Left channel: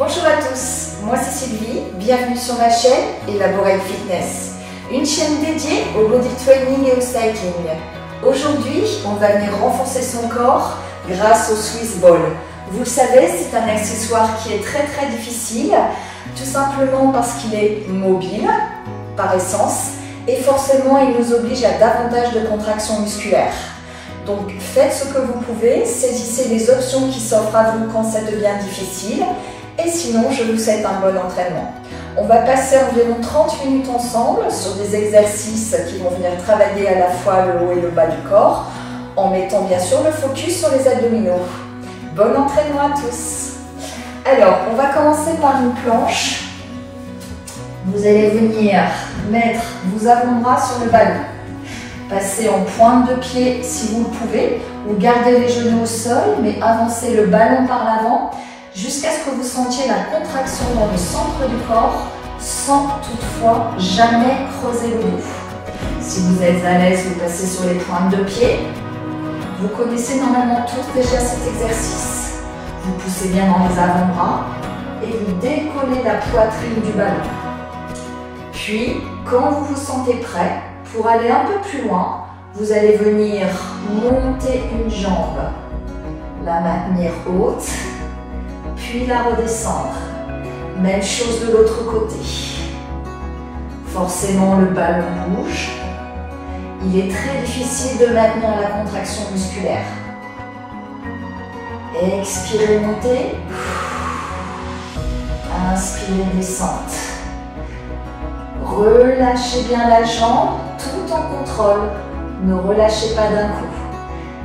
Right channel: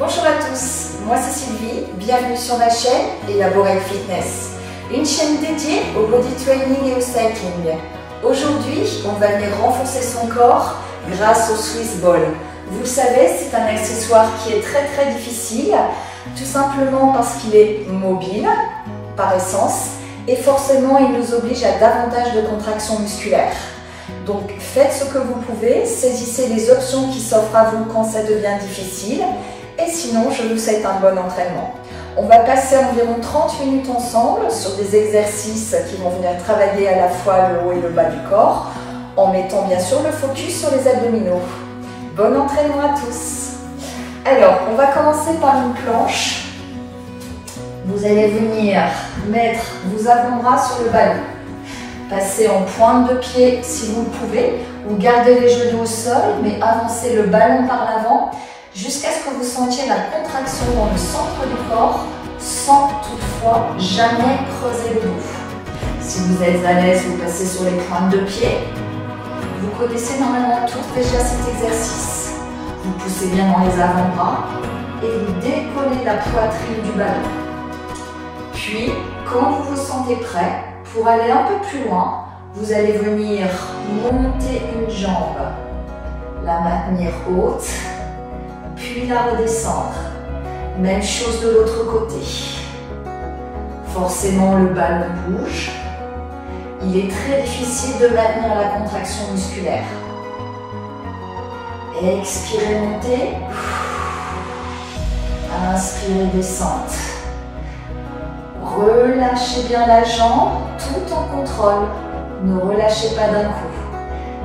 Bonjour à tous, moi c'est Sylvie, bienvenue sur ma chaîne Elaborate Fitness, une chaîne dédiée au body training et au cycling. Aujourd'hui, on va venir renforcer son corps grâce au Swiss Ball. Vous le savez, c'est un accessoire qui est très difficile, tout simplement parce qu'il est mobile par essence et forcément il nous oblige à davantage de contractions musculaires. Donc faites ce que vous pouvez, saisissez les options qui s'offrent à vous quand ça devient difficile et sinon je vous souhaite un bon entraînement. On va passer environ 30 minutes ensemble sur des exercices qui vont venir travailler à la fois le haut et le bas du corps en mettant bien sûr le focus sur les abdominaux. Bon entraînement à tous. Alors on va commencer par une planche. Vous allez venir mettre vos avant-bras sur le ballon. Passez en pointe de pied si vous le pouvez, ou gardez les genoux au sol, mais avancez le ballon par l'avant jusqu'à ce que vous sentiez la contraction dans le centre du corps, sans toutefois jamais creuser le dos. Si vous êtes à l'aise, vous passez sur les pointes de pied. Vous connaissez normalement tous déjà cet exercice. Vous poussez bien dans les avant-bras et vous décollez la poitrine du ballon. Puis, quand vous vous sentez prêt, pour aller un peu plus loin, vous allez venir monter une jambe, la maintenir haute, puis la redescendre. Même chose de l'autre côté. Forcément, le ballon bouge. Il est très difficile de maintenir la contraction musculaire. Expirez, montez. Inspirez, descente. Relâchez bien la jambe tout en contrôle. Ne relâchez pas d'un coup.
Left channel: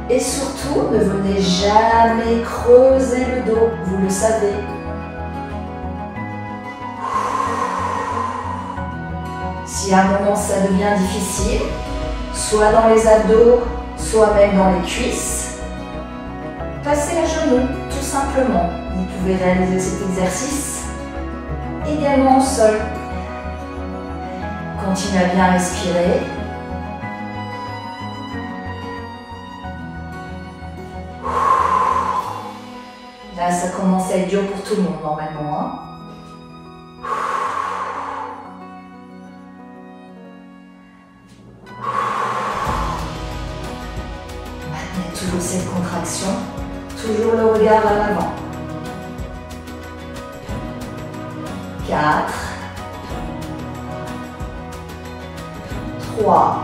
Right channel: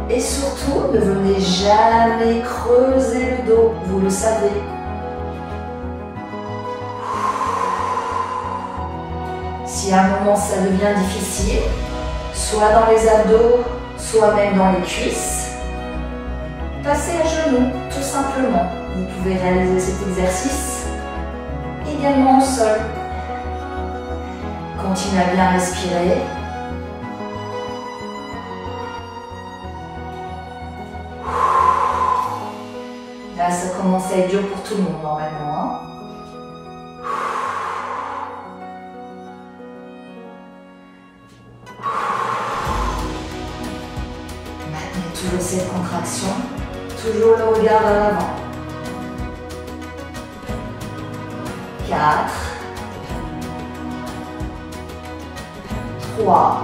Et surtout, ne venez jamais creuser le dos, vous le savez. Si à un moment ça devient difficile, soit dans les abdos, soit même dans les cuisses, passez à genoux, tout simplement. Vous pouvez réaliser cet exercice également au sol. Continuez à bien respirer. Là, ça commence à être dur pour tout le monde normalement. Hein. Maintenez toujours cette contraction, toujours le regard vers l'avant. 4, 3,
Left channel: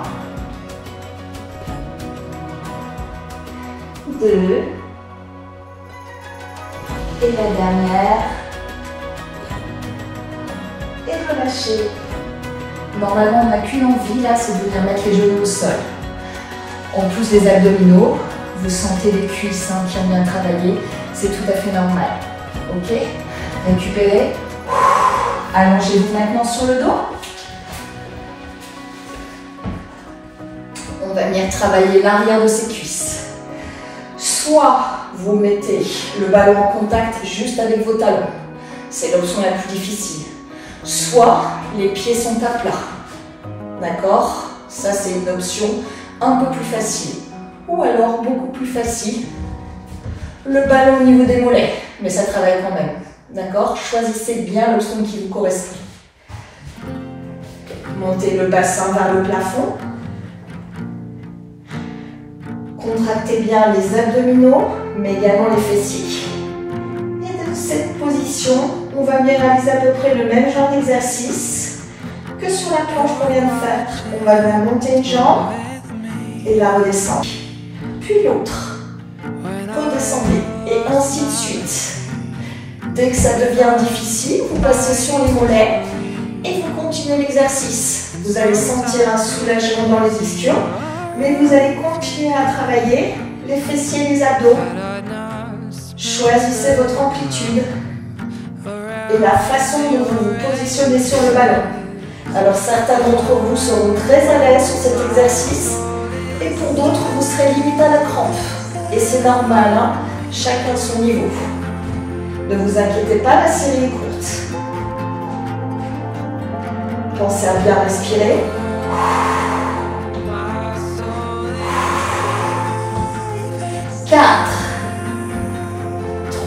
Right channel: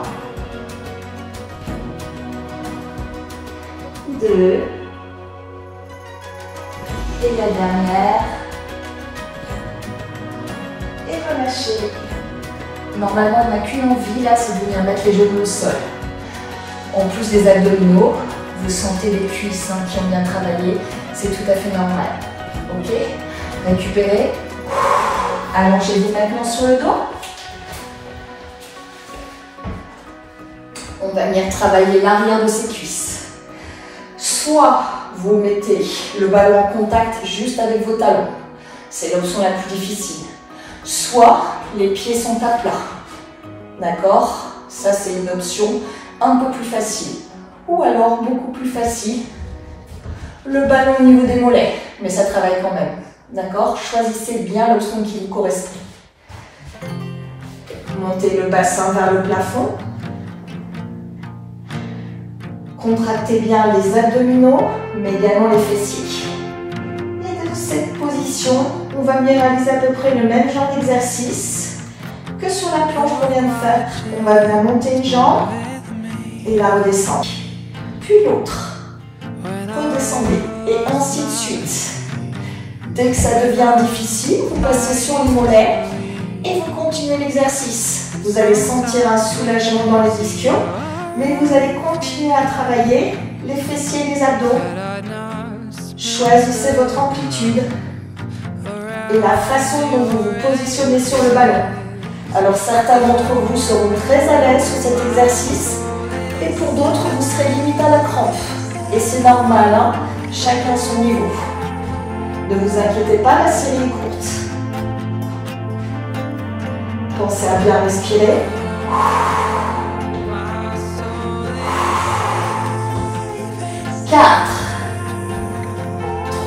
2, et la dernière, et relâchez. Normalement, on n'a qu'une envie là, c'est de venir mettre les genoux au sol. En plus des abdominaux, vous sentez les cuisses qui ont bien travaillé, c'est tout à fait normal. Ok? Récupérez. Allongez-vous maintenant sur le dos. On va venir travailler l'arrière de ses cuisses. Soit vous mettez le ballon en contact juste avec vos talons. C'est l'option la plus difficile. Soit les pieds sont à plat. D'accord? Ça, c'est une option un peu plus facile. Ou alors, beaucoup plus facile, le ballon au niveau des mollets. Mais ça travaille quand même. D'accord? Choisissez bien l'option qui vous correspond. Montez le bassin vers le plafond. Contractez bien les abdominaux, mais également les fessiers. Et dans cette position, on va venir réaliser à peu près le même genre d'exercice que sur la planche qu'on vient de faire. On va bien monter une jambe et la redescendre. Puis l'autre. Redescendez et ainsi de suite. Dès que ça devient difficile, vous passez sur les mollets et vous continuez l'exercice. Vous allez sentir un soulagement dans les ischions. Mais vous allez continuer à travailler les fessiers et les abdos. Choisissez votre amplitude et la façon dont vous vous positionnez sur le ballon. Alors certains d'entre vous seront très à l'aise sur cet exercice et pour d'autres vous serez limite à la crampe. Et c'est normal, hein, chacun son niveau. Ne vous inquiétez pas, la série est courte. Pensez à bien respirer. 4,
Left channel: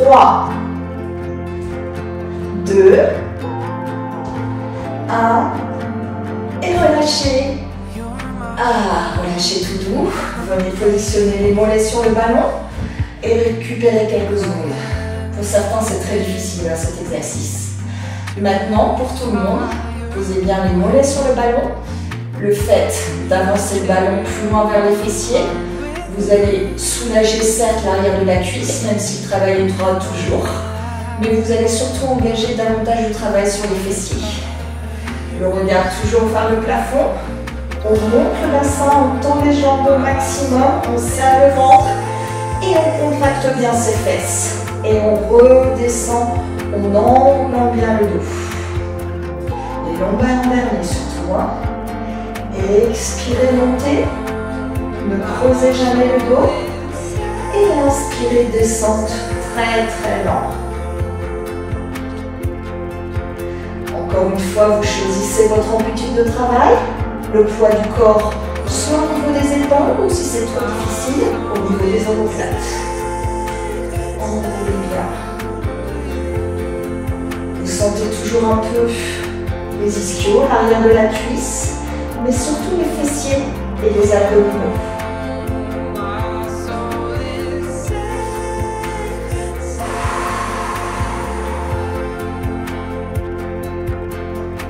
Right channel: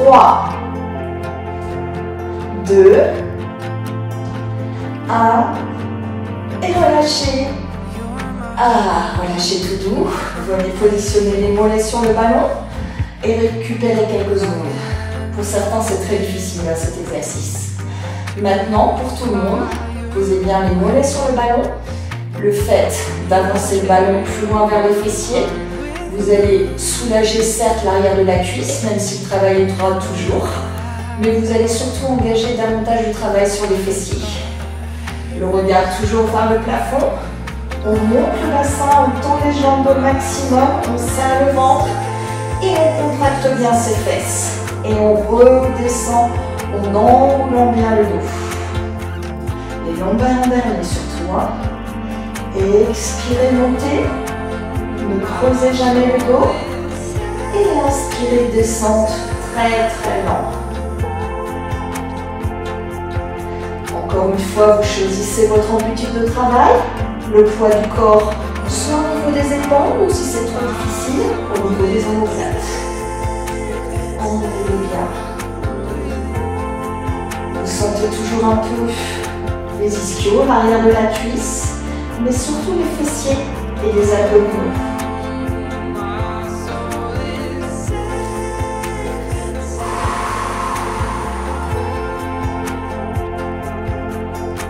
3, 2, 1, et relâchez. Relâchez tout doux. Venez positionner les mollets sur le ballon et récupérez quelques secondes. Pour certains, c'est très difficile cet exercice. Maintenant, pour tout le monde, posez bien les mollets sur le ballon. Le fait d'avancer le ballon plus loin vers les fessiers, vous allez soulager certes l'arrière de la cuisse, même si le travail est droit toujours, mais vous allez surtout engager davantage de travail sur les fessiers. Le regard toujours vers le plafond. On monte le bassin, on tend les jambes au maximum, on serre le ventre et on contracte bien ses fesses. Et on redescend en enroulant bien le dos. Les lombaires en dernier surtout. Expirez, montez. Ne creusez jamais le dos. Et inspirez, descente très lent. Encore une fois, vous choisissez votre amplitude de travail. Le poids du corps, soit au niveau des épaules, ou si c'est trop difficile, au niveau des omoplates. Enroulez bien. Vous sentez toujours un peu les ischios, l'arrière de la cuisse, mais surtout les fessiers et les abdominaux.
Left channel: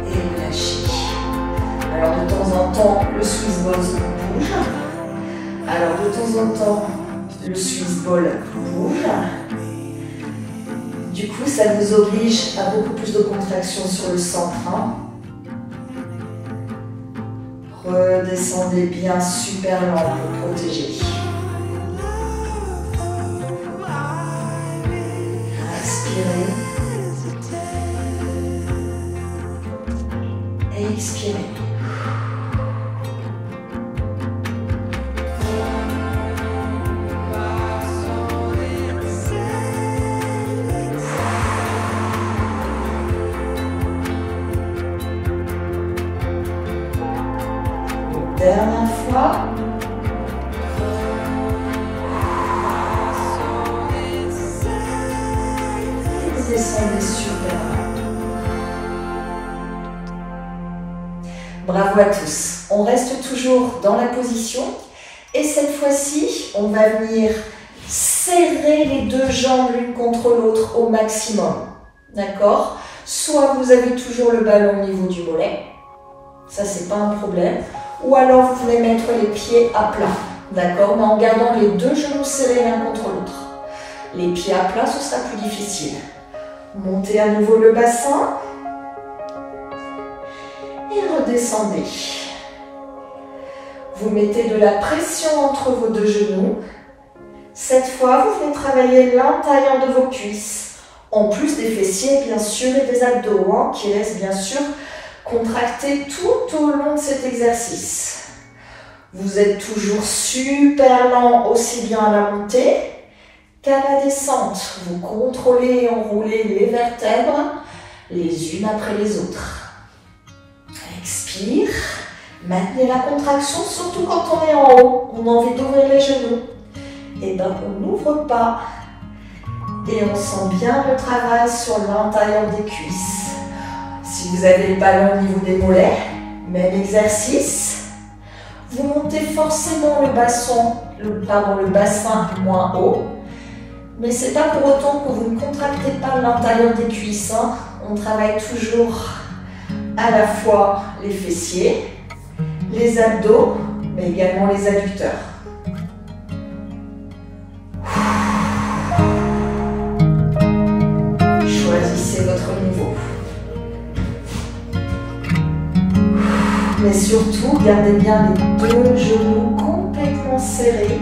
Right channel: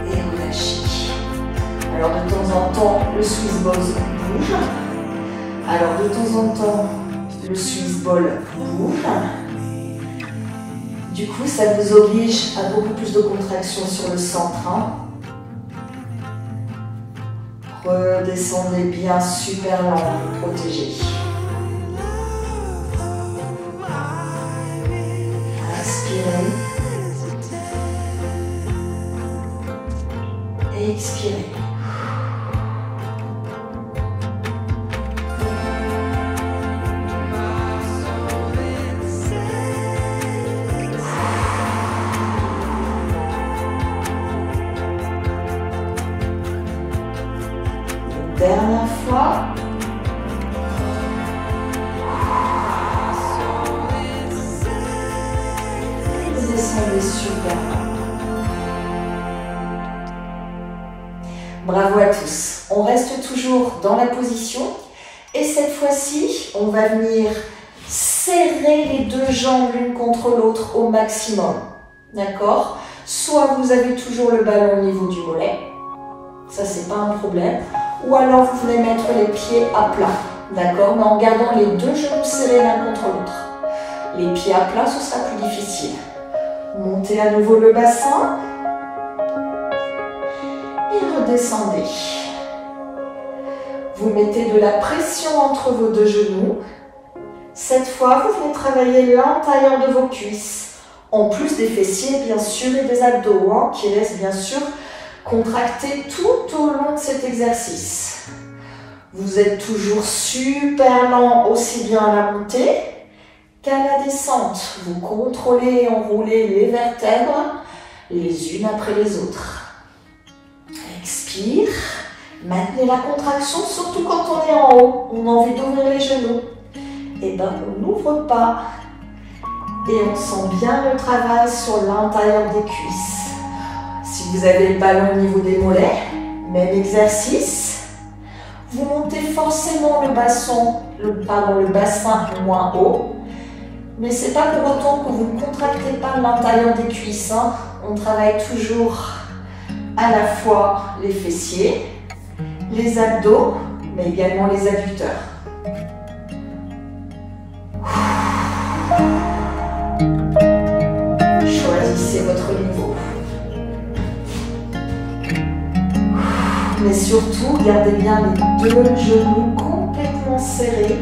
Et relâchez. Alors de temps en temps, le Swiss ball bouge. Alors de temps en temps, le Swiss ball bouge. Du coup, ça vous oblige à beaucoup plus de contraction sur le centre. Redescendez bien, super lent, pour protéger. Inspirez. Et expirez. Dernière fois. Et vous descendez super. Bravo à tous. On reste toujours dans la position. Et cette fois-ci, on va venir serrer les deux jambes l'une contre l'autre au maximum. D'accord? Soit vous avez toujours le ballon au niveau du mollet. Ça, c'est pas un problème. Ou alors vous voulez mettre les pieds à plat, d'accord, mais en gardant les deux genoux serrés l'un contre l'autre. Les pieds à plat, ce sera plus difficile. Montez à nouveau le bassin et redescendez. Vous mettez de la pression entre vos deux genoux. Cette fois, vous venez travailler l'intérieur de vos cuisses, en plus des fessiers bien sûr et des abdos, qui restent bien sûr contractez tout au long de cet exercice. Vous êtes toujours super lent, aussi bien à la montée qu'à la descente. Vous contrôlez et enroulez les vertèbres les unes après les autres. Expire. Maintenez la contraction, surtout quand on est en haut. On a envie d'ouvrir les genoux. Et bien, on n'ouvre pas. Et on sent bien le travail sur l'intérieur des cuisses. Si vous avez le ballon au niveau des mollets, même exercice. Vous montez forcément le bassin moins haut. Mais ce n'est pas pour autant que vous ne contractez pas l'intérieur des cuisses. On travaille toujours à la fois les fessiers, les abdos, mais également les adducteurs. Choisissez votre niveau. Mais surtout, gardez bien les deux genoux complètement serrés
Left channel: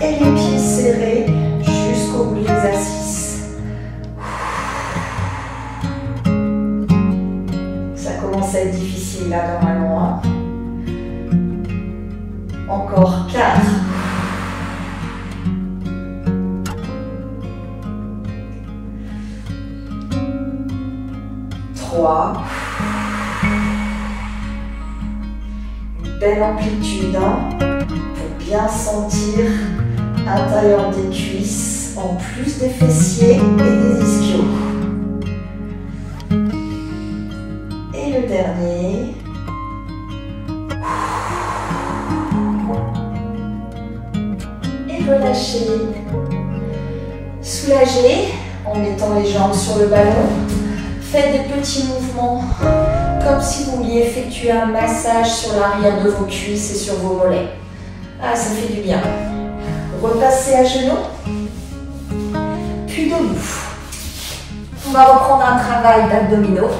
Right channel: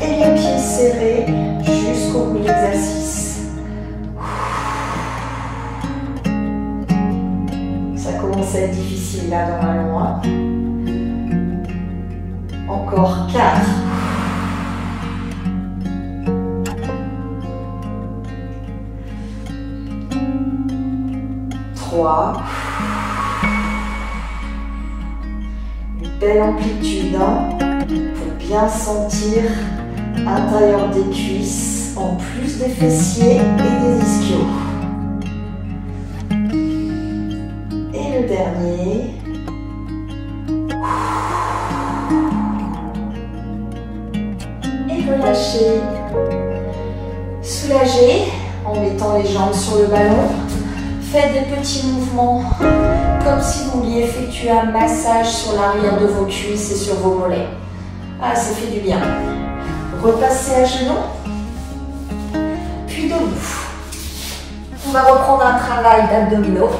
et les pieds serrés jusqu'au bout de l'exercice. Ça commence à être difficile là dans la main. Encore 4. 3. Belle amplitude pour bien sentir l'intérieur des cuisses en plus des fessiers et des ischios. dernier. Et relâchez. Soulagez en mettant les jambes sur le ballon. Faites des petits mouvements comme si vous vouliez effectuer un massage sur l'arrière de vos cuisses et sur vos mollets. Ah, ça fait du bien. Repassez à genoux, puis debout. On va reprendre un travail d'abdominaux.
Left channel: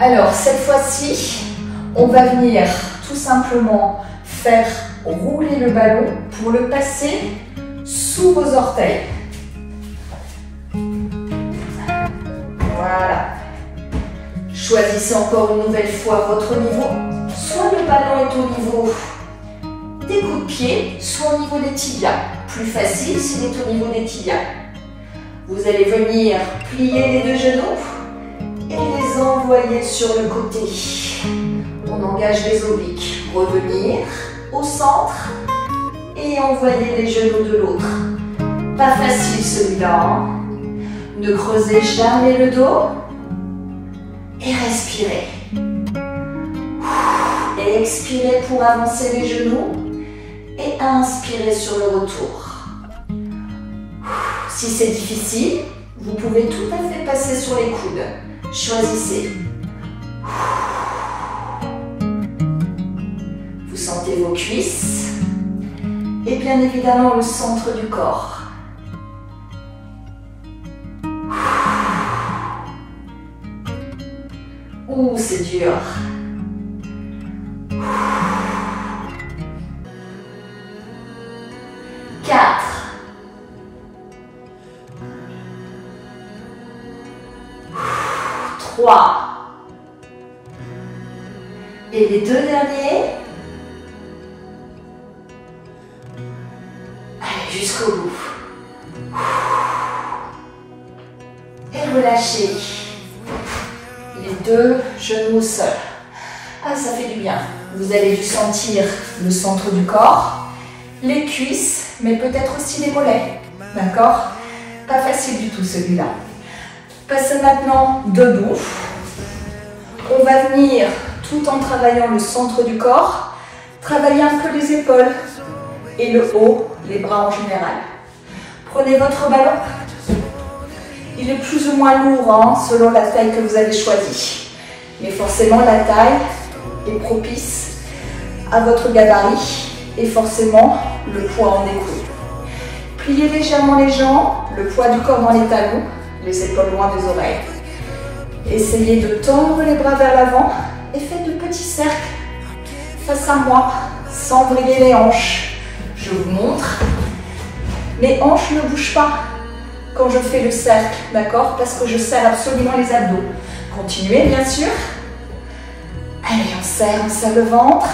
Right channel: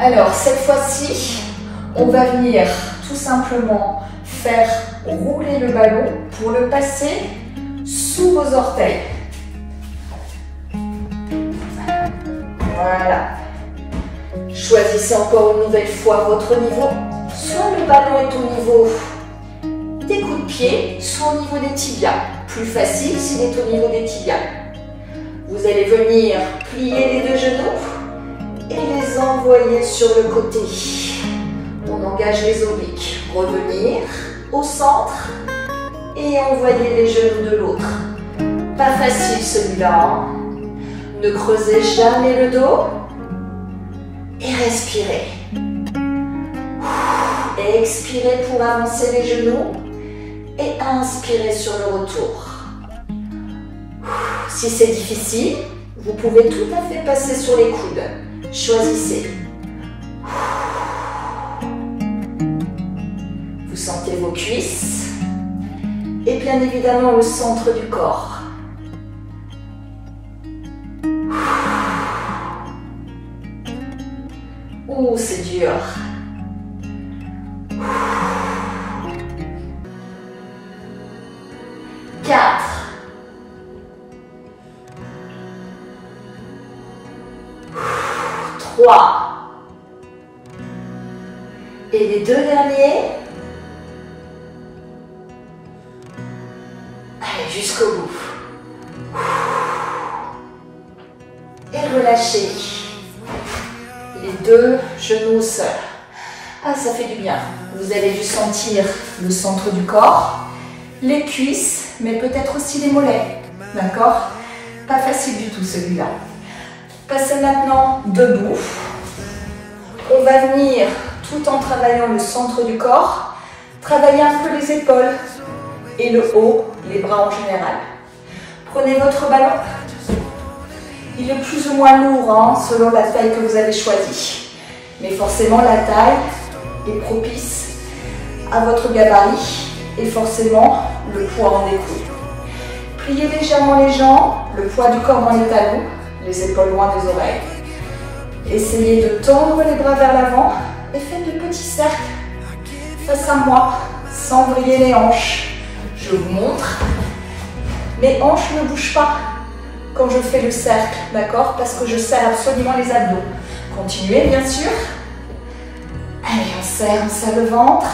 Alors, cette fois-ci, on va venir tout simplement faire rouler le ballon pour le passer sous vos orteils. Voilà. Choisissez encore une nouvelle fois votre niveau. Soit le ballon est au niveau des coups de pied, soit au niveau des tibias. Plus facile s'il est au niveau des tibias. Vous allez venir plier les deux genoux et les envoyer sur le côté. On engage les obliques. Revenir au centre et envoyer les genoux de l'autre. Pas facile celui-là. Ne creusez jamais le dos et respirez. Et expirez pour avancer les genoux et inspirez sur le retour. Si c'est difficile, vous pouvez tout à fait passer sur les coudes. Choisissez. Vous sentez vos cuisses et bien évidemment le centre du corps. Ouh, c'est dur. 4. 3. Et les deux derniers. Allez, jusqu'au bout. Et relâchez. Les deux genoux au sol. Ah, ça fait du bien. Vous avez dû sentir le centre du corps, les cuisses, mais peut-être aussi les mollets. D'accord? Pas facile du tout celui-là. Passez maintenant debout. On va venir, tout en travaillant le centre du corps, travailler un peu les épaules et le haut, les bras en général. Prenez votre ballon. Il est plus ou moins lourd selon la taille que vous avez choisie. Mais forcément, la taille est propice à votre gabarit et forcément, le poids en découle. Pliez légèrement les jambes, le poids du corps dans les talons, les épaules loin des oreilles. Essayez de tendre les bras vers l'avant et faites de petits cercles face à moi, sans vriller les hanches. Je vous montre. Les hanches ne bougent pas quand je fais le cercle, d'accord? Parce que je serre absolument les abdos. Continuez, bien sûr. Allez, on serre le ventre.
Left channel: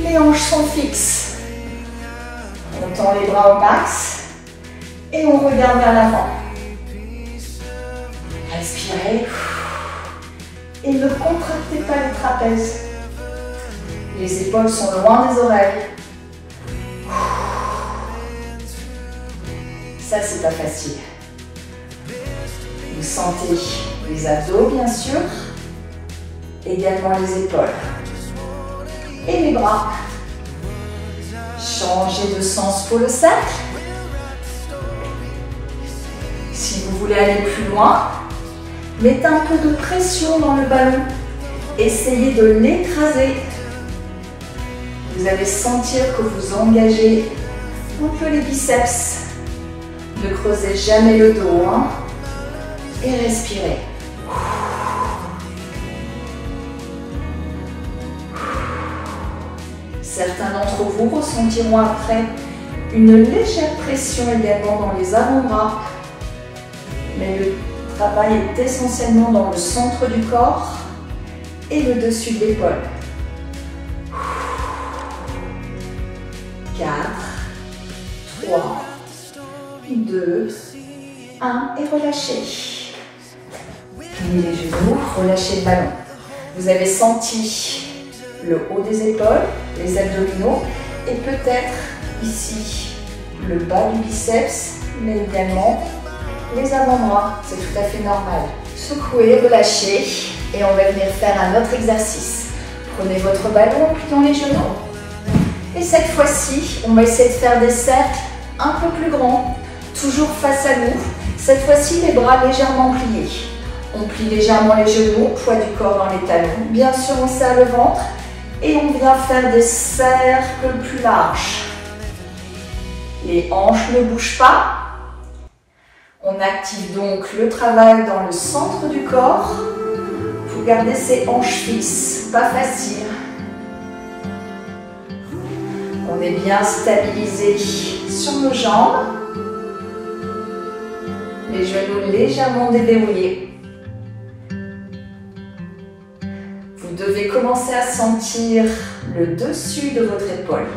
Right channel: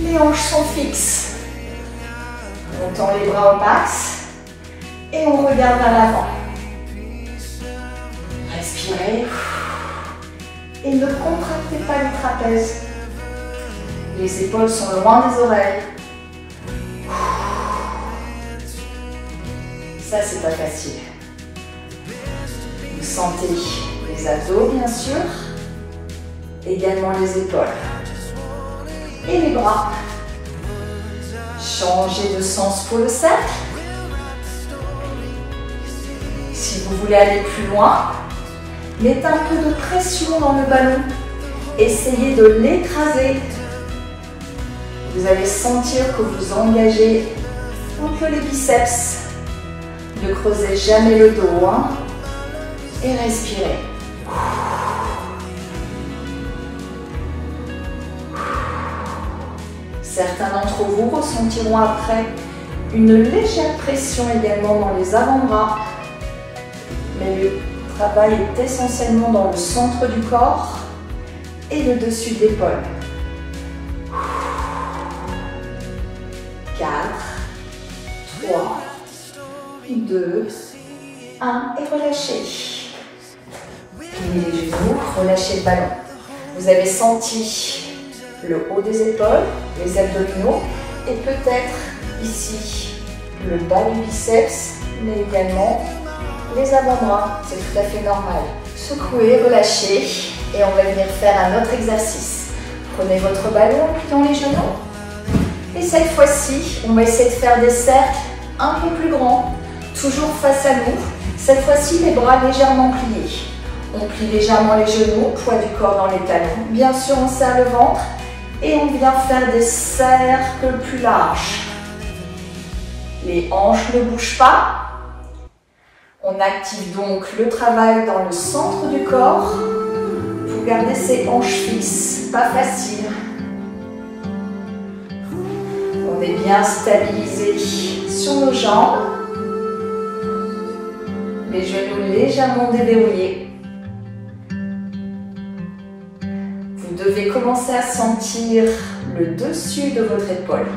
Les hanches sont fixes. On tend les bras au max et on regarde vers l'avant. Respirez. Et ne contractez pas le trapèze. Les épaules sont loin des oreilles. Ça, c'est pas facile. Vous sentez les abdos, bien sûr. Également les épaules. Et les bras. Changez de sens pour le cercle. Si vous voulez aller plus loin, mettez un peu de pression dans le ballon. Essayez de l'écraser. Vous allez sentir que vous engagez un peu les biceps. Ne creusez jamais le dos. Et respirez. Certains d'entre vous ressentiront après une légère pression également dans les avant-bras. Mais le travail est essentiellement dans le centre du corps et le dessus de l'épaule. 4, 3, 2, 1 et relâchez. Pliez les genoux, relâchez le ballon. Vous avez senti le haut des épaules, les abdominaux et peut-être ici le bas du biceps, mais également les avant-bras. C'est tout à fait normal. Secouez, relâchez et on va venir faire un autre exercice. Prenez votre ballon en pliant les genoux. Et cette fois-ci, on va essayer de faire des cercles un peu plus grands, toujours face à nous. Cette fois-ci, les bras légèrement pliés. On plie légèrement les genoux, poids du corps dans les talons. Bien sûr, on serre le ventre et on vient faire des cercles plus larges. Les hanches ne bougent pas. On active donc le travail dans le centre du corps pour garder ses hanches fixes, pas facile. On est bien stabilisé sur nos jambes, les genoux légèrement déverrouillés. Vous devez commencer à sentir le dessus de votre épaule.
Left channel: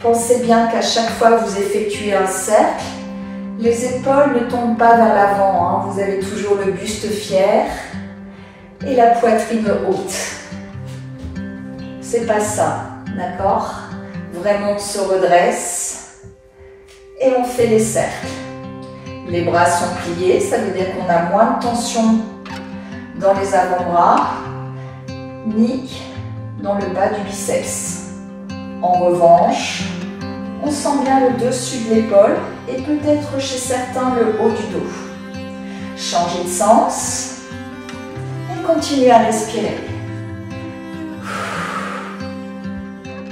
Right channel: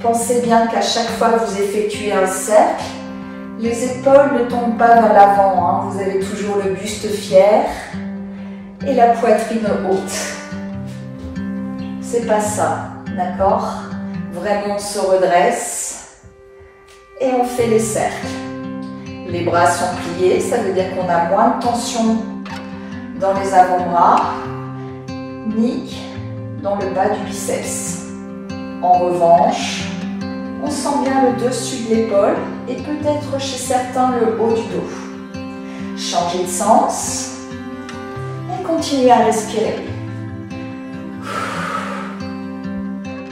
Pensez bien qu'à chaque fois que vous effectuez un cercle, les épaules ne tombent pas vers l'avant, hein. Vous avez toujours le buste fier et la poitrine haute. C'est pas ça, d'accord? Vraiment, on se redresse et on fait les cercles. Les bras sont pliés, ça veut dire qu'on a moins de tension dans les avant-bras ni dans le bas du biceps. En revanche, on sent bien le dessus de l'épaule et peut-être chez certains le haut du dos. Changez de sens et continuez à respirer.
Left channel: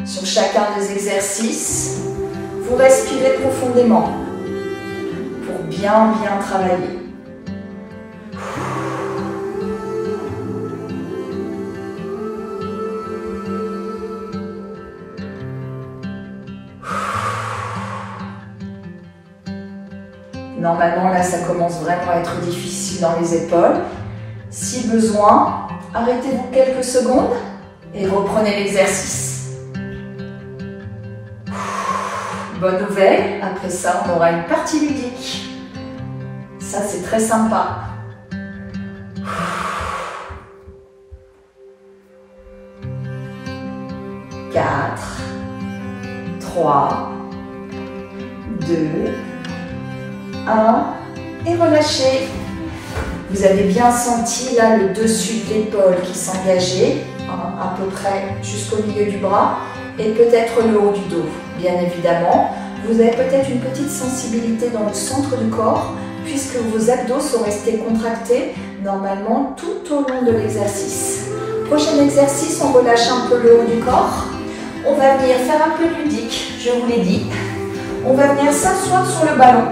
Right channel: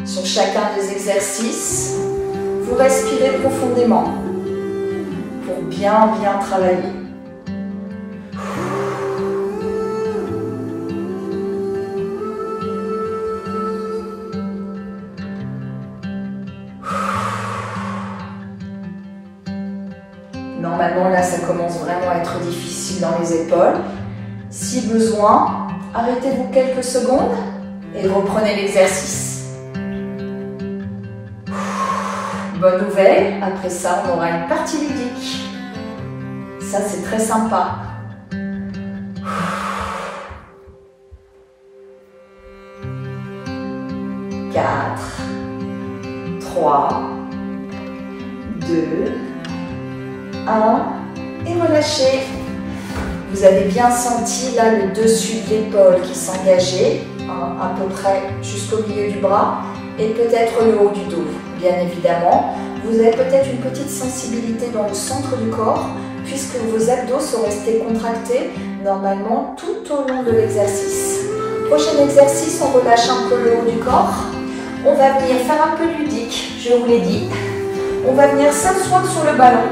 Sur chacun des exercices, vous respirez profondément pour bien travailler. Normalement, là, ça commence vraiment à être difficile dans les épaules. Si besoin, arrêtez-vous quelques secondes et reprenez l'exercice. Bonne nouvelle, après ça, on aura une partie ludique. Ça, c'est très sympa. 4, 3, 2, 1 et relâchez. Vous avez bien senti là le dessus de l'épaule qui s'engageait, à peu près jusqu'au milieu du bras et peut-être le haut du dos. Bien évidemment, vous avez peut-être une petite sensibilité dans le centre du corps puisque vos abdos sont restés contractés normalement tout au long de l'exercice. Prochain exercice, on relâche un peu le haut du corps. On va venir faire un peu ludique, je vous l'ai dit. On va venir s'asseoir sur le ballon.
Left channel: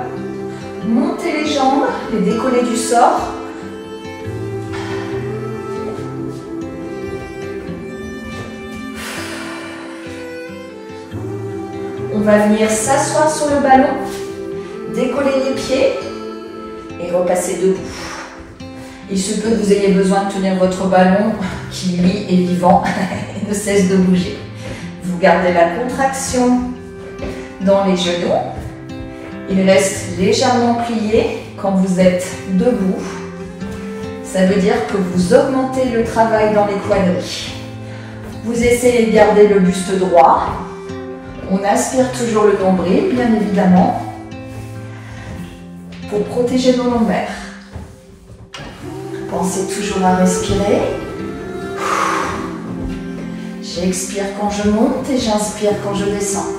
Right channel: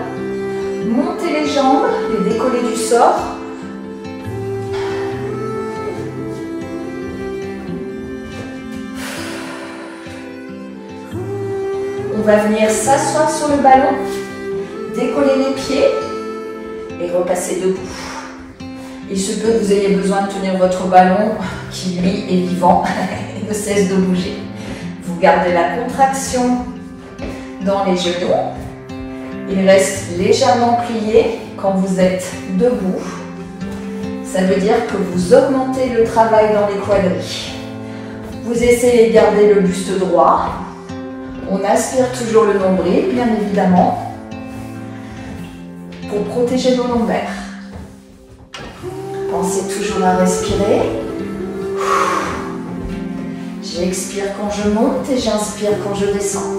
Monter les jambes, les décoller du sol. On va venir s'asseoir sur le ballon, décoller les pieds et repasser debout. Il se peut que vous ayez besoin de tenir votre ballon qui lui est vivant et ne cesse de bouger. Vous gardez la contraction dans les genoux. Il reste légèrement plié quand vous êtes debout. Ça veut dire que vous augmentez le travail dans les quadris. Vous essayez de garder le buste droit. On aspire toujours le nombril, bien évidemment, pour protéger nos lombaires. Pensez toujours à respirer. J'expire quand je monte et j'inspire quand je descends.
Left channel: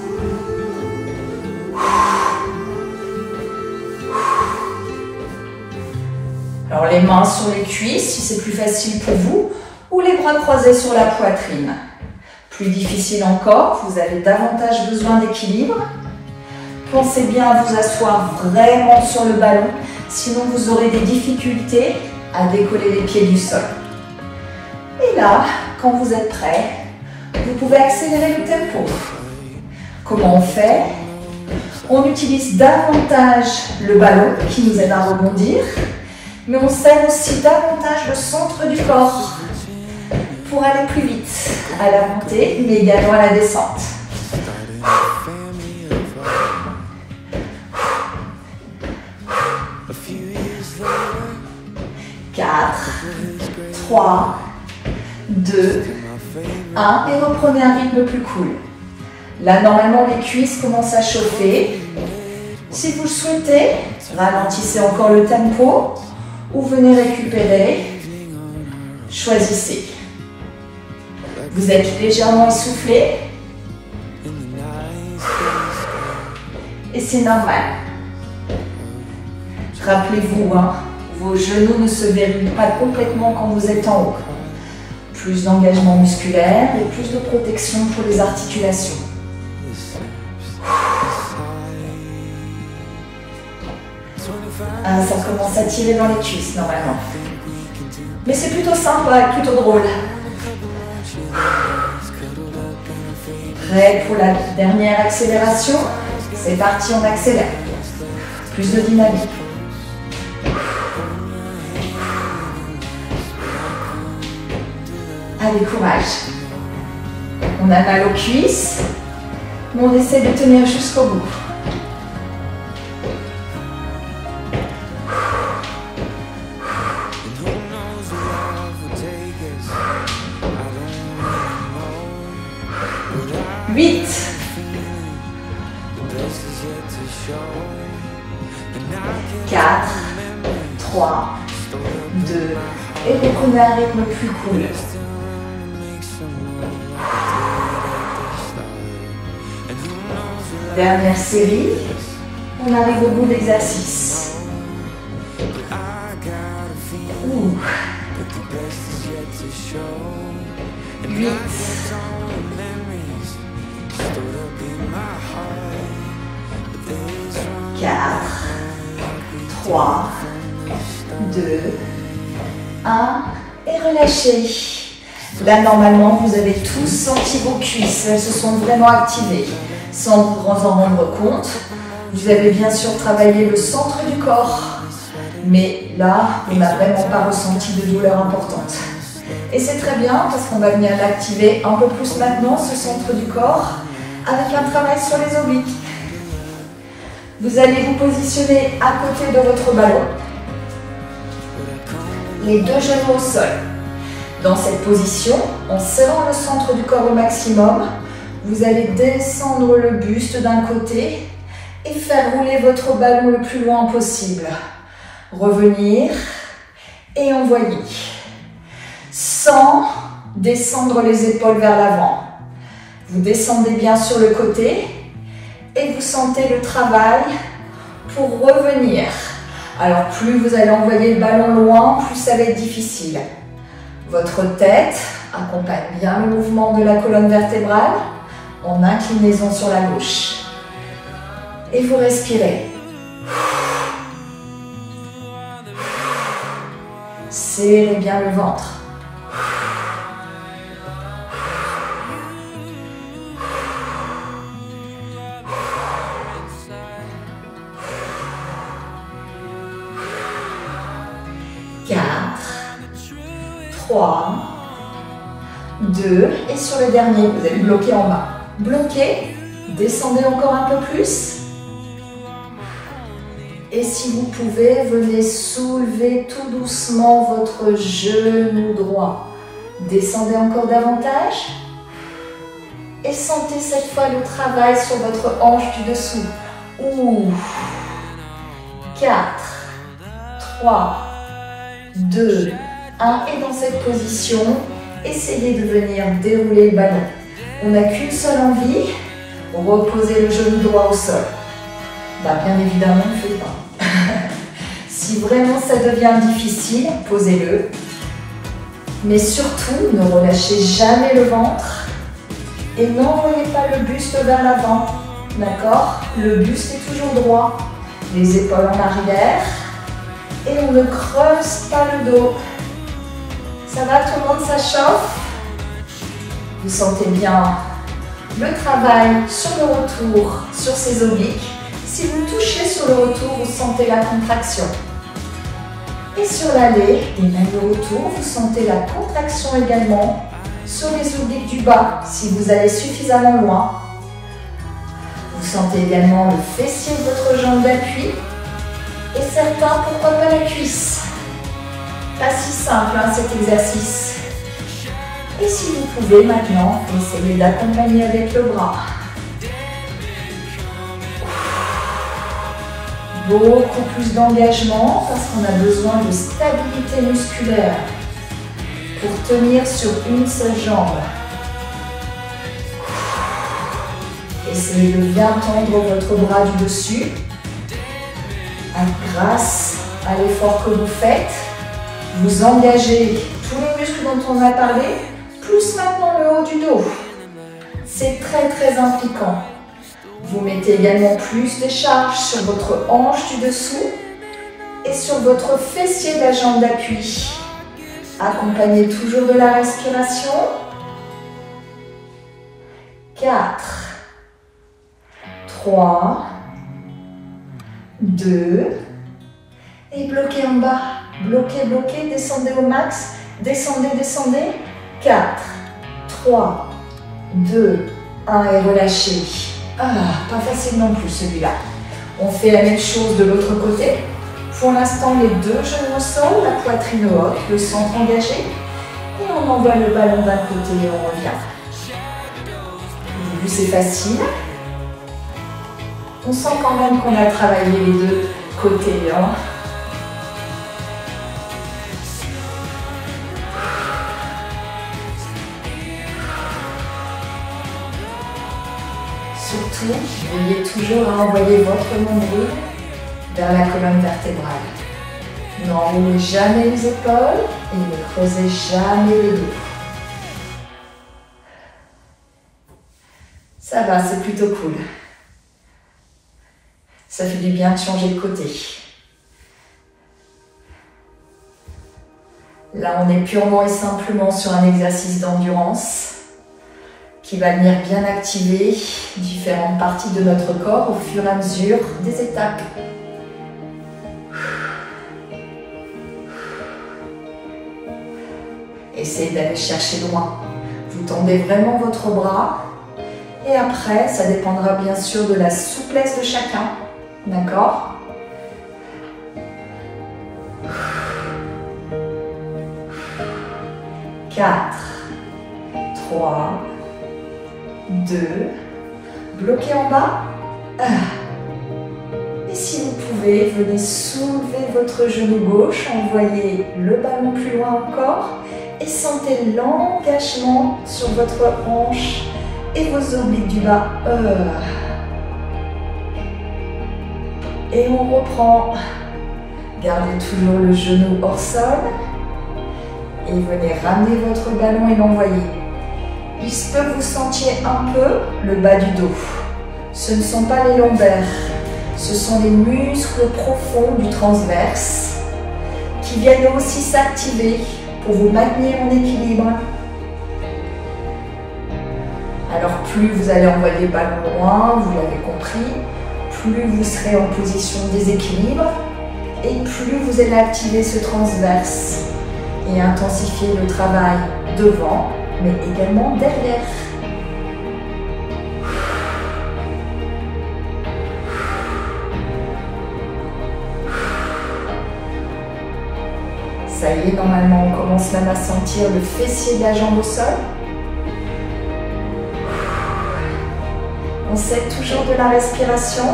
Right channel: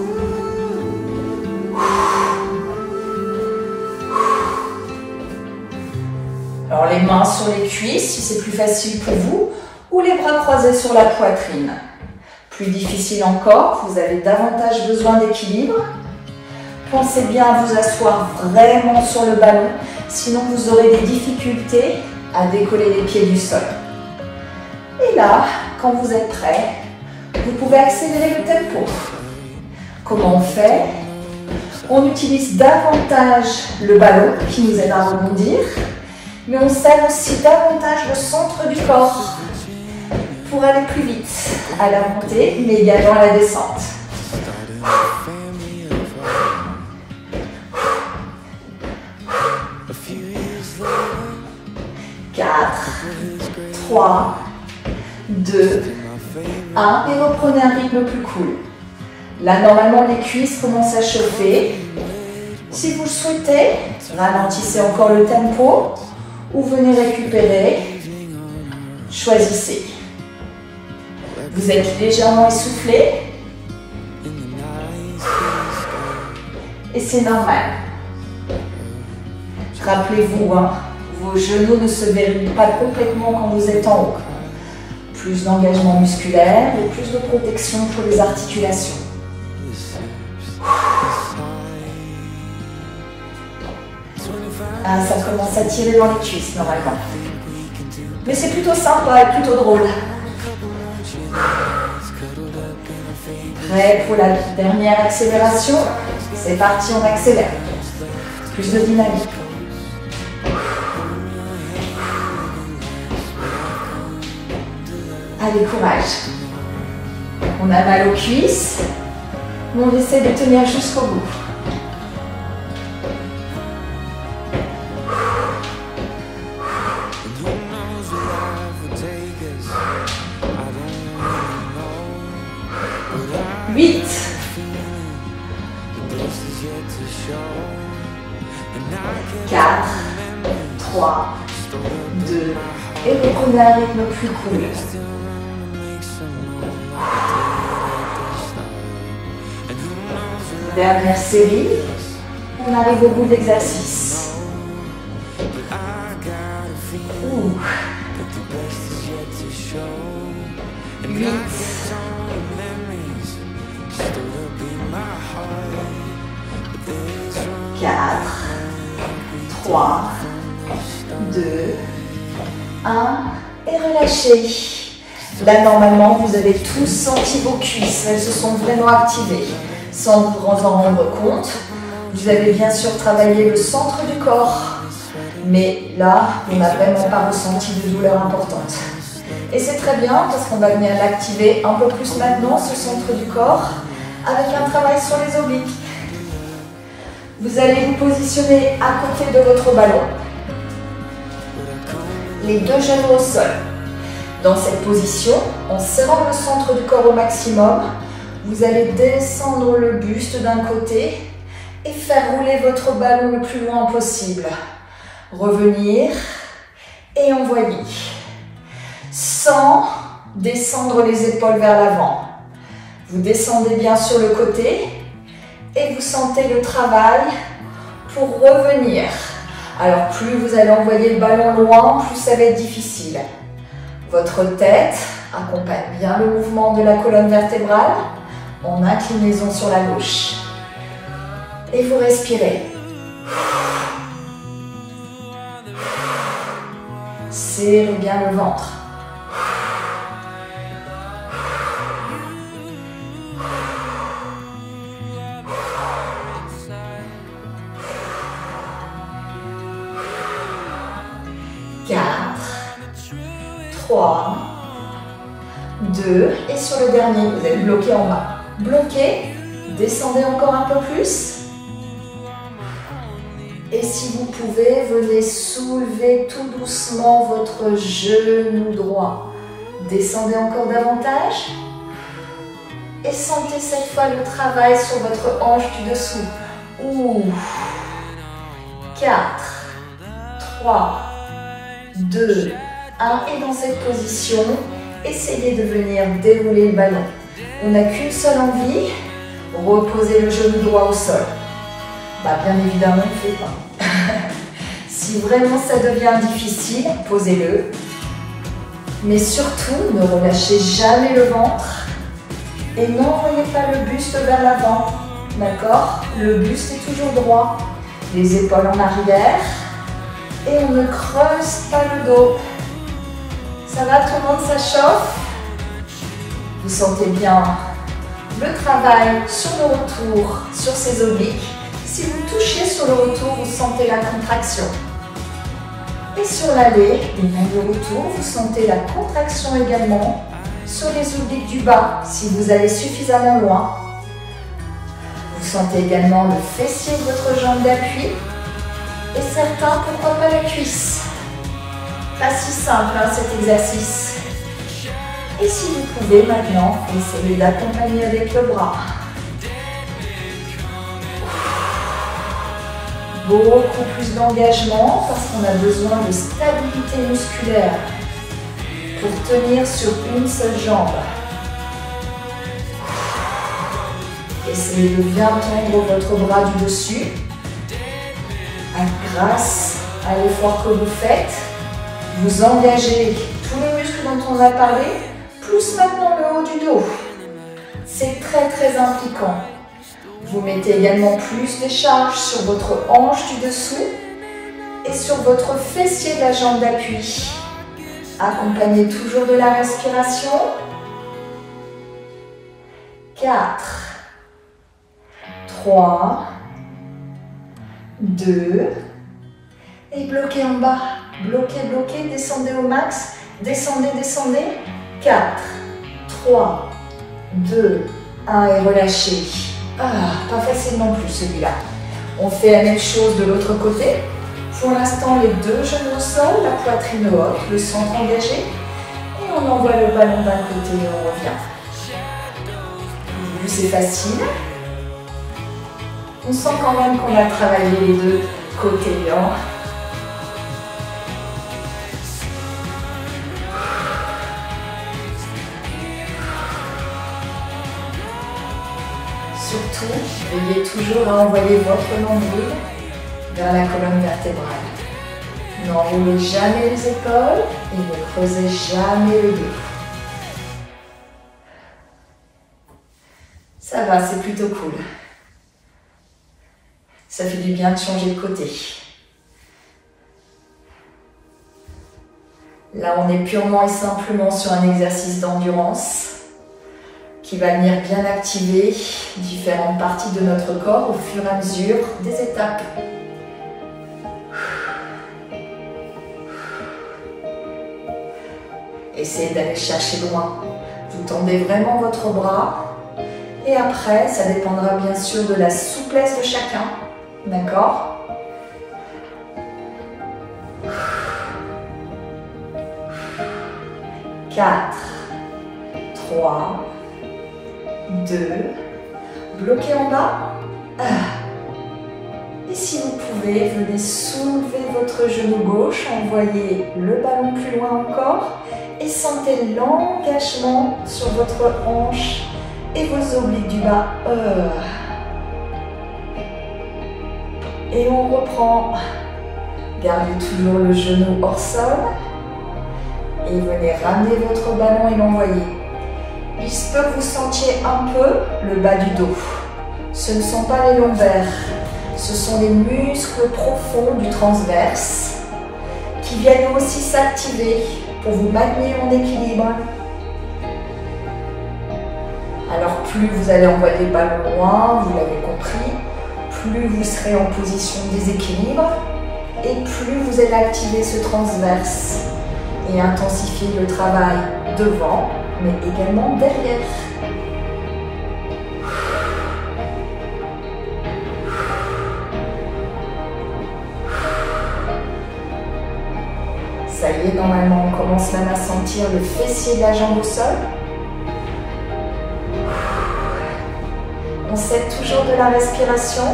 Alors les mains sur les cuisses si c'est plus facile pour vous, ou les bras croisés sur la poitrine. Plus difficile encore, vous avez davantage besoin d'équilibre. Pensez bien à vous asseoir vraiment sur le ballon, sinon vous aurez des difficultés à décoller les pieds du sol. Et là, quand vous êtes prêt, vous pouvez accélérer le tempo. Comment on fait? On utilise davantage le ballon qui nous aide à rebondir, mais on serre aussi davantage le centre du corps pour aller plus vite à la montée, mais également à la descente. 4, 3, 2, 1 et reprenez un rythme plus cool. Là, normalement, les cuisses commencent à chauffer. Si vous le souhaitez, ralentissez encore le tempo ou venez récupérer. Choisissez. Vous êtes légèrement essoufflé. Et c'est normal. Rappelez-vous, hein, vos genoux ne se verrouillent pas complètement quand vous êtes en haut. Plus d'engagement musculaire et plus de protection pour les articulations. Ah, ça commence à tirer dans les cuisses normalement. Mais c'est plutôt sympa et plutôt drôle. Prêt pour la dernière accélération? C'est parti, on accélère. Plus de dynamique. Allez, courage. On a mal aux cuisses, mais on essaie de tenir jusqu'au bout. Huit. 4, 3, 2, et reprenez un rythme plus cool. Dernière série, on arrive au bout de l'exercice. 8, 4, 3, 2, 1, et relâchez. Là, normalement, vous avez tous senti vos cuisses, elles se sont vraiment activées. Sans vous en rendre compte, vous avez bien sûr travaillé le centre du corps, mais là, on n'a vraiment pas ressenti de douleur importante. Et c'est très bien parce qu'on va venir l'activer un peu plus maintenant, ce centre du corps, avec un travail sur les obliques. Vous allez vous positionner à côté de votre ballon, les deux genoux au sol. Dans cette position, en serrant le centre du corps au maximum, vous allez descendre le buste d'un côté et faire rouler votre ballon le plus loin possible. Revenir et envoyer. Sans descendre les épaules vers l'avant. Vous descendez bien sur le côté et vous sentez le travail pour revenir. Alors plus vous allez envoyer le ballon loin, plus ça va être difficile. Votre tête accompagne bien le mouvement de la colonne vertébrale en inclinaison sur la gauche. Et vous respirez. Serrez bien le ventre. Quatre, 3, 2, et sur le dernier, vous allez bloquer en bas. Bloquez, descendez encore un peu plus. Et si vous pouvez, venez soulever tout doucement votre genou droit. Descendez encore davantage. Et sentez cette fois le travail sur votre hanche du dessous. 4, 3, 2, 1. Et dans cette position, essayez de venir dérouler le ballon. On n'a qu'une seule envie, reposez le genou droit au sol. Bah, bien évidemment, on ne fait pas. Si vraiment ça devient difficile, posez-le. Mais surtout, ne relâchez jamais le ventre et n'envoyez pas le buste vers l'avant. D'accord? Le buste est toujours droit. Les épaules en arrière et on ne creuse pas le dos. Ça va, tout le monde, ça chauffe? Vous sentez bien le travail sur le retour, sur ces obliques. Si vous touchez sur le retour, vous sentez la contraction. Et sur l'aller, et même le retour, vous sentez la contraction également sur les obliques du bas, si vous allez suffisamment loin. Vous sentez également le fessier de votre jambe d'appui. Et certains, pourquoi pas la cuisse? Pas si simple, hein, cet exercice. Et si vous pouvez maintenant, essayez d'accompagner avec le bras. Beaucoup plus d'engagement parce qu'on a besoin de stabilité musculaire pour tenir sur une seule jambe. Essayez de bien tendre votre bras du dessus. Grâce à l'effort que vous faites, vous engagez tous les muscles dont on a parlé, plus maintenant le haut du dos. C'est très impliquant. Vous mettez également plus de charge sur votre hanche du dessous et sur votre fessier de la jambe d'appui. Accompagnez toujours de la respiration. 4, 3, 2, et bloquez en bas. Bloquez, bloquez, descendez au max. Descendez, descendez. 4, 3, 2, 1 et relâchez. Pas facile non plus celui-là. On fait la même chose de l'autre côté. Pour l'instant, les deux genoux au sol, la poitrine haute, le centre engagé. Et on envoie le ballon d'un côté et on revient. Au début, c'est facile. On sent quand même qu'on a travaillé les deux côtés. Hein. Surtout, veillez toujours à envoyer votre nombril vers la colonne vertébrale. N'enroulez jamais les épaules et ne creusez jamais le dos. Ça va, c'est plutôt cool. Ça fait du bien de changer de côté. Là, on est purement et simplement sur un exercice d'endurance qui va venir bien activer différentes parties de notre corps au fur et à mesure des étapes. Essayez d'aller chercher loin. Vous tendez vraiment votre bras et après, ça dépendra bien sûr de la souplesse de chacun. D'accord ? Quatre, 3, 2, bloquez en bas. Et si vous pouvez, venez soulever votre genou gauche, envoyez le ballon plus loin encore et sentez l'engagement sur votre hanche et vos obliques du bas. Et on reprend. Gardez toujours le genou hors sol et venez ramener votre ballon et l'envoyer. Il se peut que vous sentiez un peu le bas du dos. Ce ne sont pas les lombaires, ce sont les muscles profonds du transverse qui viennent aussi s'activer pour vous maintenir en équilibre. Alors plus vous allez envoyer le ballon loin, vous l'avez compris, plus vous serez en position de déséquilibre et plus vous allez activer ce transverse et intensifier le travail devant, mais également derrière. Ça y est, normalement, on commence même à sentir le fessier de la jambe au sol. On s'aide toujours de la respiration.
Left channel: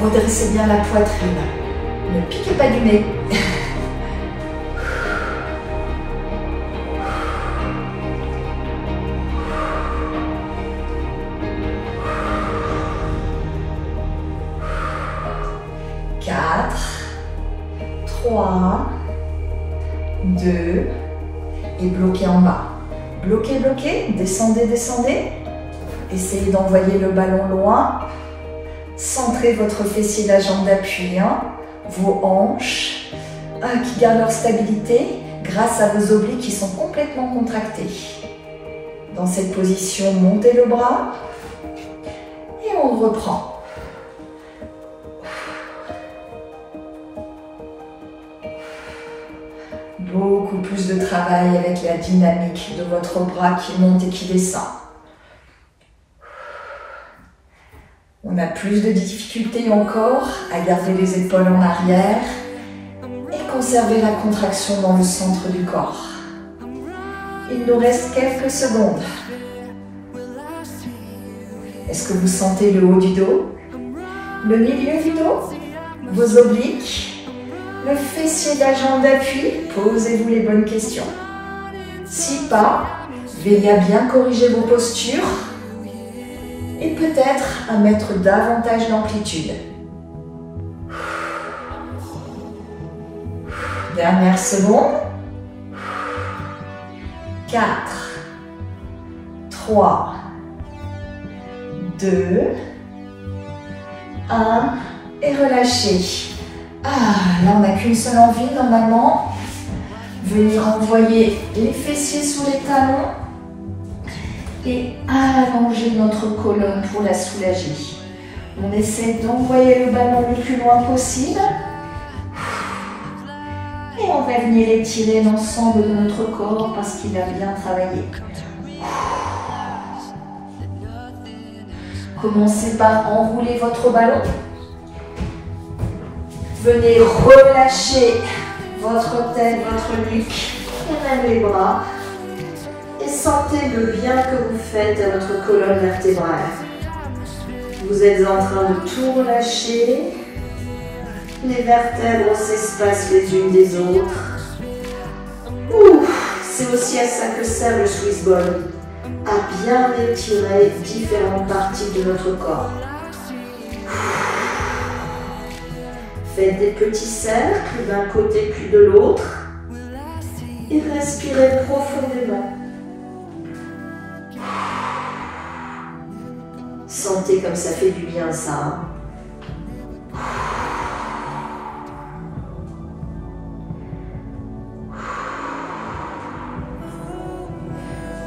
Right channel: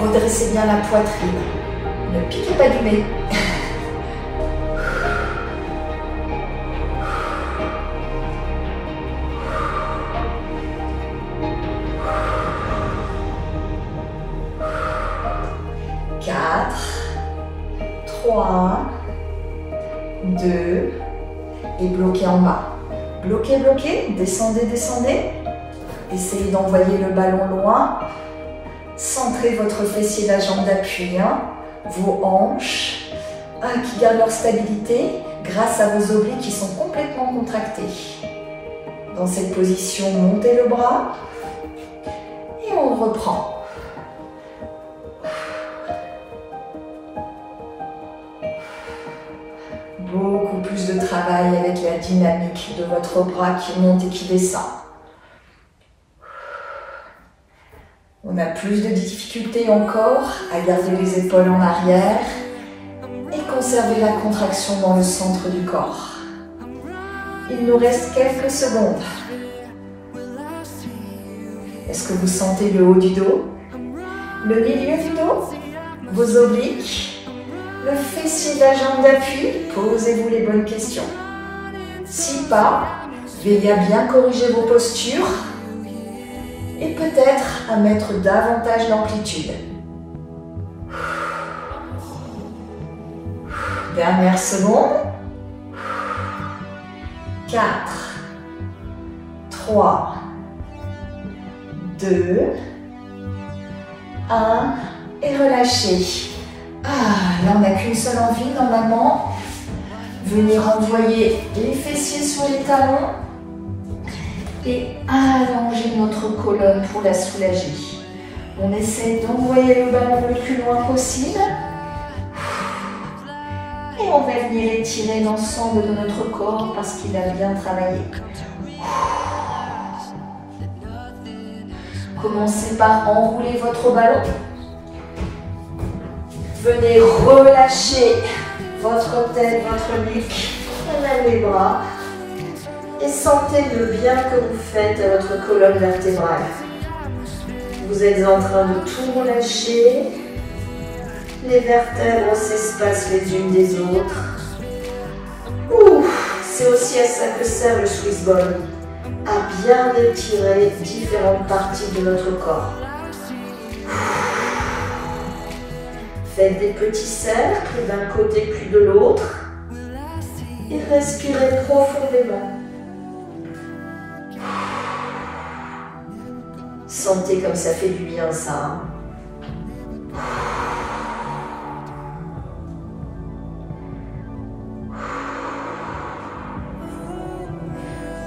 Redressez bien la poitrine. Ne piquez pas du nez. Quatre, 3, 2 et bloquez en bas. Bloquez, bloquez, descendez, descendez. Essayez d'envoyer le ballon loin. Centrez votre fessier de la jambe d'appui, vos hanches qui gardent leur stabilité grâce à vos obliques qui sont complètement contractés. Dans cette position, montez le bras et on reprend. Beaucoup plus de travail avec la dynamique de votre bras qui monte et qui descend. On a plus de difficultés encore à garder les épaules en arrière et conserver la contraction dans le centre du corps. Il nous reste quelques secondes. Est-ce que vous sentez le haut du dos, le milieu du dos, vos obliques, le fessier de la jambe d'appui? Posez-vous les bonnes questions. Si pas, veillez à bien corriger vos postures et peut-être à mettre davantage d'amplitude. Dernière seconde. 4, 3, 2, 1 et relâchez. Là on n'a qu'une seule envie normalement. Venir envoyer les fessiers sur les talons et allonger notre colonne pour la soulager. On essaie d'envoyer le ballon le plus loin possible. Et on va venir étirer l'ensemble de notre corps parce qu'il a bien travaillé. Commencez par enrouler votre ballon. Venez relâcher votre tête, votre nuque, et même les bras. Et sentez le bien que vous faites à votre colonne vertébrale. Vous êtes en train de tout relâcher. Les vertèbres s'espacent les unes des autres. C'est aussi à ça que sert le Swiss Ball, à bien étirer différentes parties de notre corps. Faites des petits cercles d'un côté puis de l'autre et respirez profondément. Sentez comme ça fait du bien ça.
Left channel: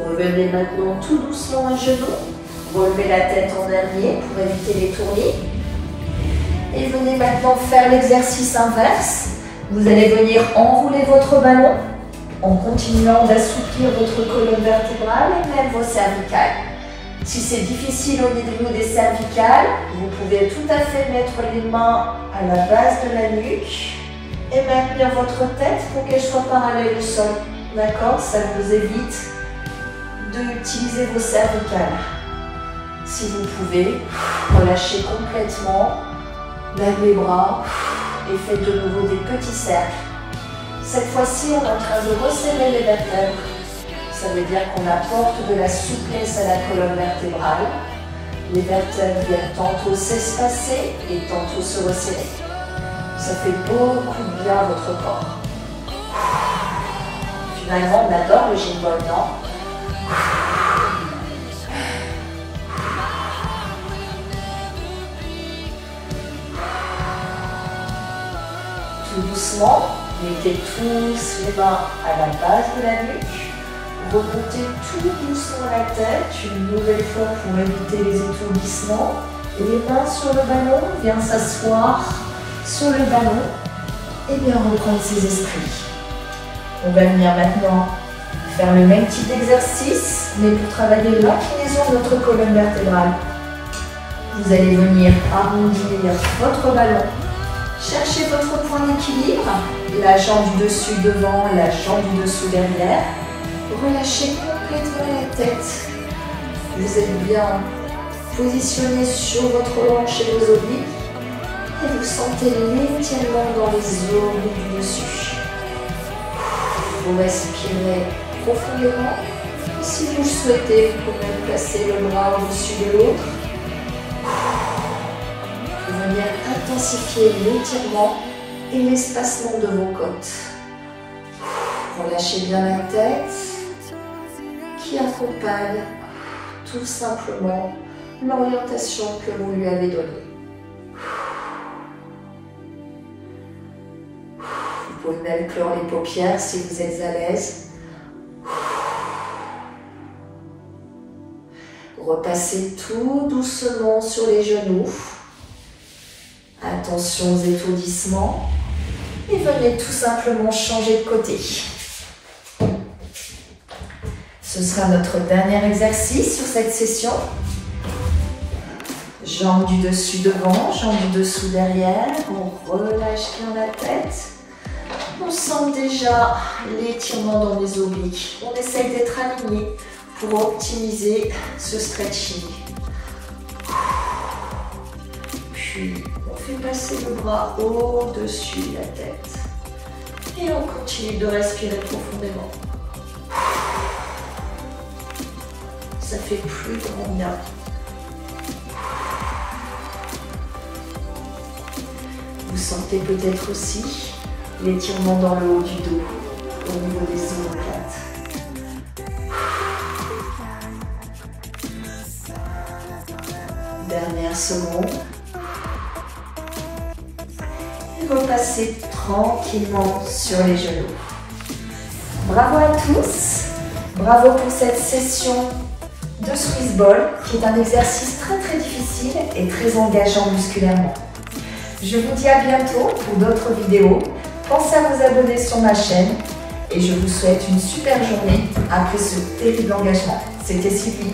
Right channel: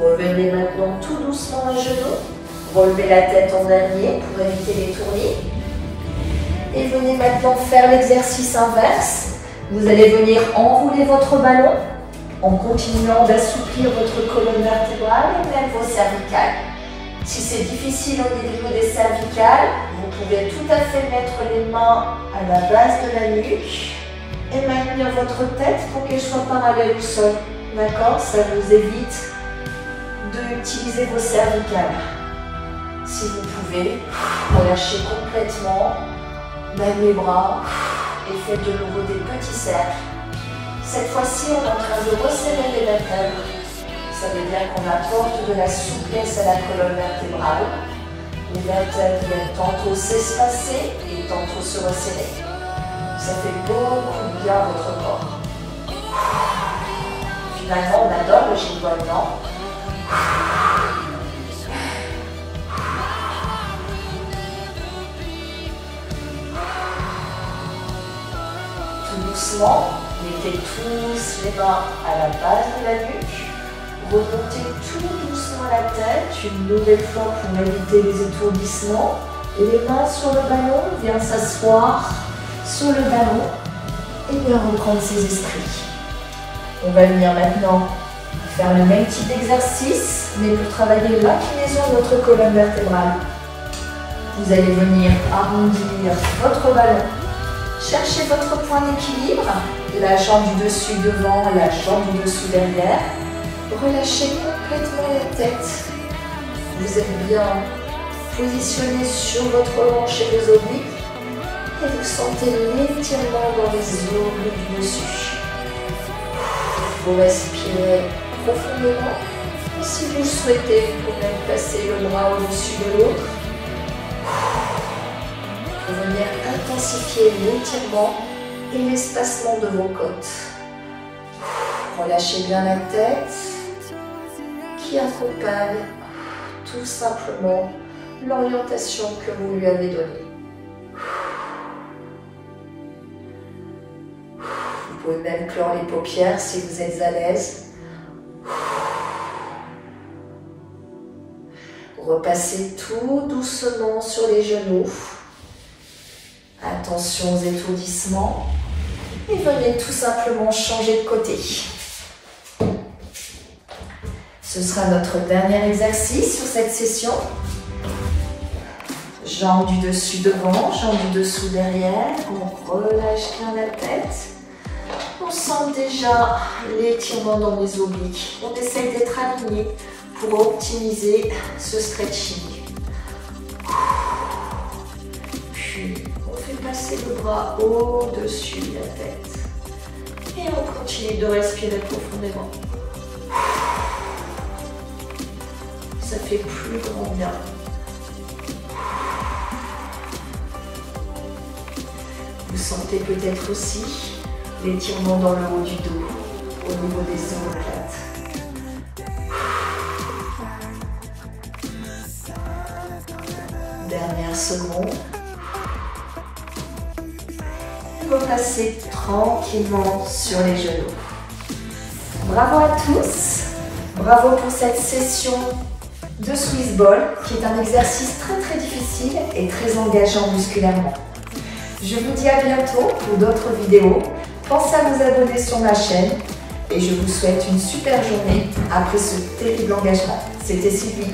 Revenez maintenant tout doucement à genoux. Relevez la tête en dernier pour éviter les tournis. Et venez maintenant faire l'exercice inverse. Vous allez venir enrouler votre ballon en continuant d'assouplir votre colonne vertébrale et même vos cervicales. Si c'est difficile au niveau des cervicales, vous pouvez tout à fait mettre les mains à la base de la nuque et maintenir votre tête pour qu'elle soit parallèle au sol. D'accord? Ça vous évite d'utiliser vos cervicales. Si vous pouvez, relâchez complètement, levez les bras et faites de nouveau des petits cercles. Cette fois-ci, on est en train de resserrer les vertèbres. Ça veut dire qu'on apporte de la souplesse à la colonne vertébrale. Les vertèbres viennent tantôt s'espacer et tantôt se resserrer. Ça fait beaucoup de bien à votre corps. Finalement, on adore le gym ball, non? Tout doucement, mettez tous les mains à la base de la nuque. Remontez tout doucement la tête, une nouvelle fois pour éviter les étourdissements. Et les mains sur le ballon, viens s'asseoir sur le ballon et bien reprendre ses esprits. On va venir maintenant faire le même type d'exercice, mais pour travailler l'inclinaison de notre colonne vertébrale. Vous allez venir arrondir votre ballon. Cherchez votre point d'équilibre, la jambe du dessus devant, la jambe du dessous derrière. Relâchez complètement la tête. Vous êtes bien positionné sur votre hanche et vos obliques. Et vous sentez l'étirement dans les obliques du dessus. Vous respirez profondément. Et si vous le souhaitez, vous pouvez même placer le bras au-dessus de l'autre. Pour venir intensifier l'étirement et l'espacement de vos côtes. Relâchez bien la tête qui accompagne tout simplement l'orientation que vous lui avez donnée. Vous pouvez même clore les paupières si vous êtes à l'aise. Repassez tout doucement sur les genoux. Attention aux étourdissements. Et venez tout simplement changer de côté. Ce sera notre dernier exercice sur cette session. Jambes du dessus devant, jambes du dessous derrière. On relâche bien la tête. On sent déjà l'étirement dans les obliques. On essaye d'être aligné pour optimiser ce stretching. puis on fait passer le bras au-dessus de la tête. Et on continue de respirer profondément. Ça fait plus grand bien. Vous sentez peut-être aussi l'étirement dans le haut du dos, au niveau des omoplates. Dernière seconde. Et repassez tranquillement sur les genoux. Bravo à tous. Bravo pour cette session de Swiss Ball, qui est un exercice très difficile et très engageant musculairement. Je vous dis à bientôt pour d'autres vidéos. Pensez à vous abonner sur ma chaîne et je vous souhaite une super journée après ce terrible engagement. C'était Sylvie.